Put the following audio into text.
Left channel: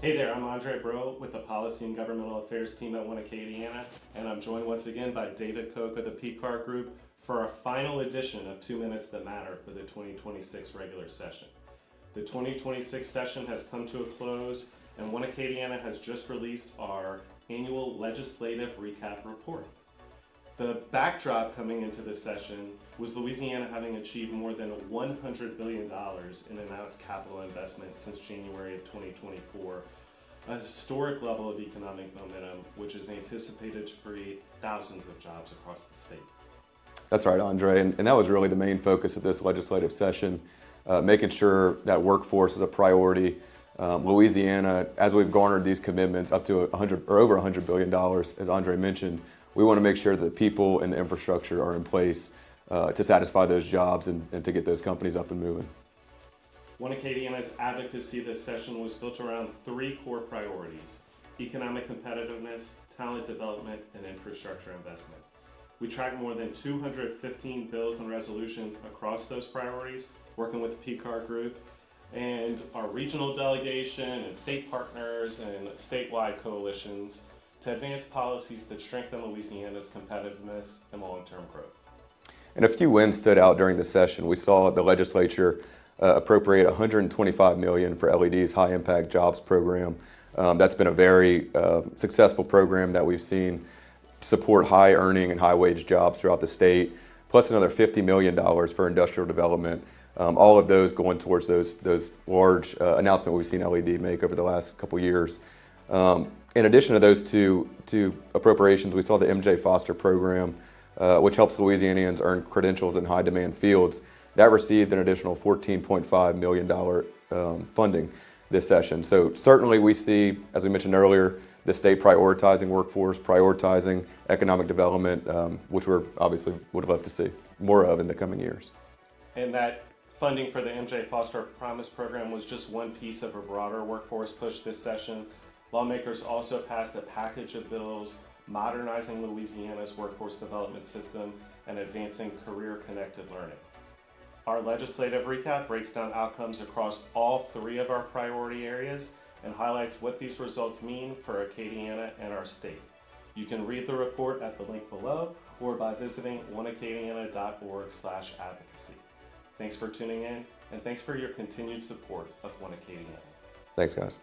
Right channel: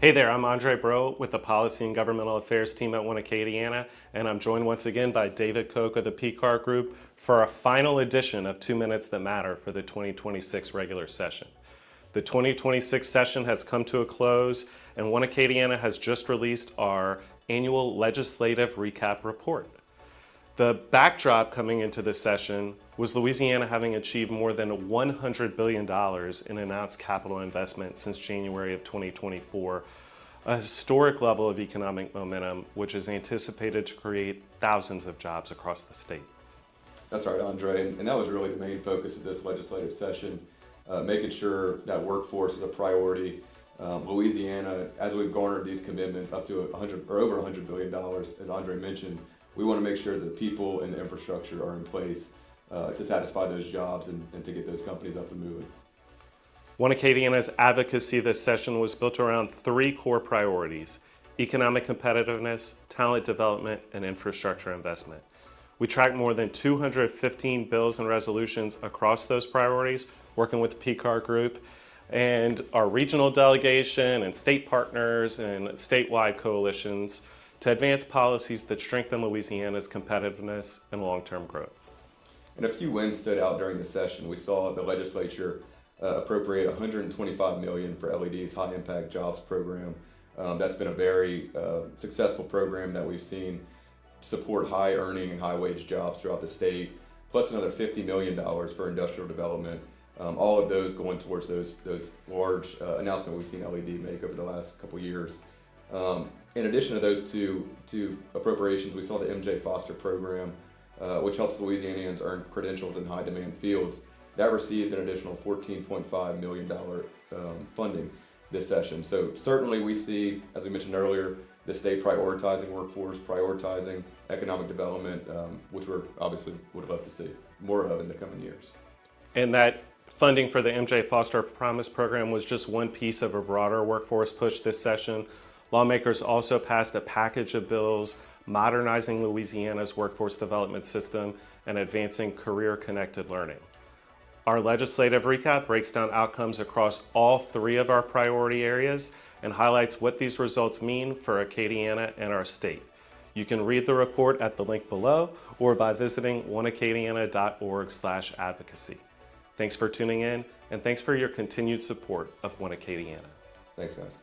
Hey there, I'm Andre Bro with the Policy and Governmental Affairs team at One Acadiana, and I'm joined once again by David Koch of the PCAR Group for a final edition of 2 Minutes That Matter for the 2026 regular session. The 2026 session has come to a close, and One Acadiana has just released our annual legislative recap report. The backdrop coming into this session was Louisiana having achieved more than $100 billion in announced capital investment since January of 2024, a historic level of economic momentum which is anticipated to create thousands of jobs across the state. That's right, Andre, and that was really the main focus of this legislative session, making sure that workforce is a priority. Louisiana, as we've garnered these commitments up to over $100 billion, as Andre mentioned, we want to make sure that the people and the infrastructure are in place to satisfy those jobs and to get those companies up and moving. One Acadiana's advocacy this session was built around three core priorities: economic competitiveness, talent development, and infrastructure investment. We tracked more than 215 bills and resolutions across those priorities, working with the PCAR Group and our regional delegation and state partners and statewide coalitions to advance policies that strengthen Louisiana's competitiveness and long-term growth. And a few wins stood out during the session. We saw the legislature appropriate $125 million for LED's High Impact Jobs program. That's been a very successful program that we've seen support high earning and high wage jobs throughout the state, plus another $50 million for industrial development. All of those going towards those large announcements we've seen LED make over the last couple years. In addition to those two appropriations, we saw the MJ Foster program, which helps Louisianians earn credentials in high demand fields. That received an additional $14.5 million funding this session. So certainly we see, as we mentioned earlier, the state prioritizing workforce, prioritizing economic development, which we're obviously would love to see more of in the coming years. And that funding for the MJ Foster Promise program was just one piece of a broader workforce push this session. Lawmakers also passed a package of bills modernizing Louisiana's workforce development system and advancing career-connected learning. Our legislative recap breaks down outcomes across all three of our priority areas and highlights what these results mean for Acadiana and our state. You can read the report at the link below or by visiting oneacadiana.org/advocacy. Thanks for tuning in, and thanks for your continued support of One Acadiana. Thanks, guys.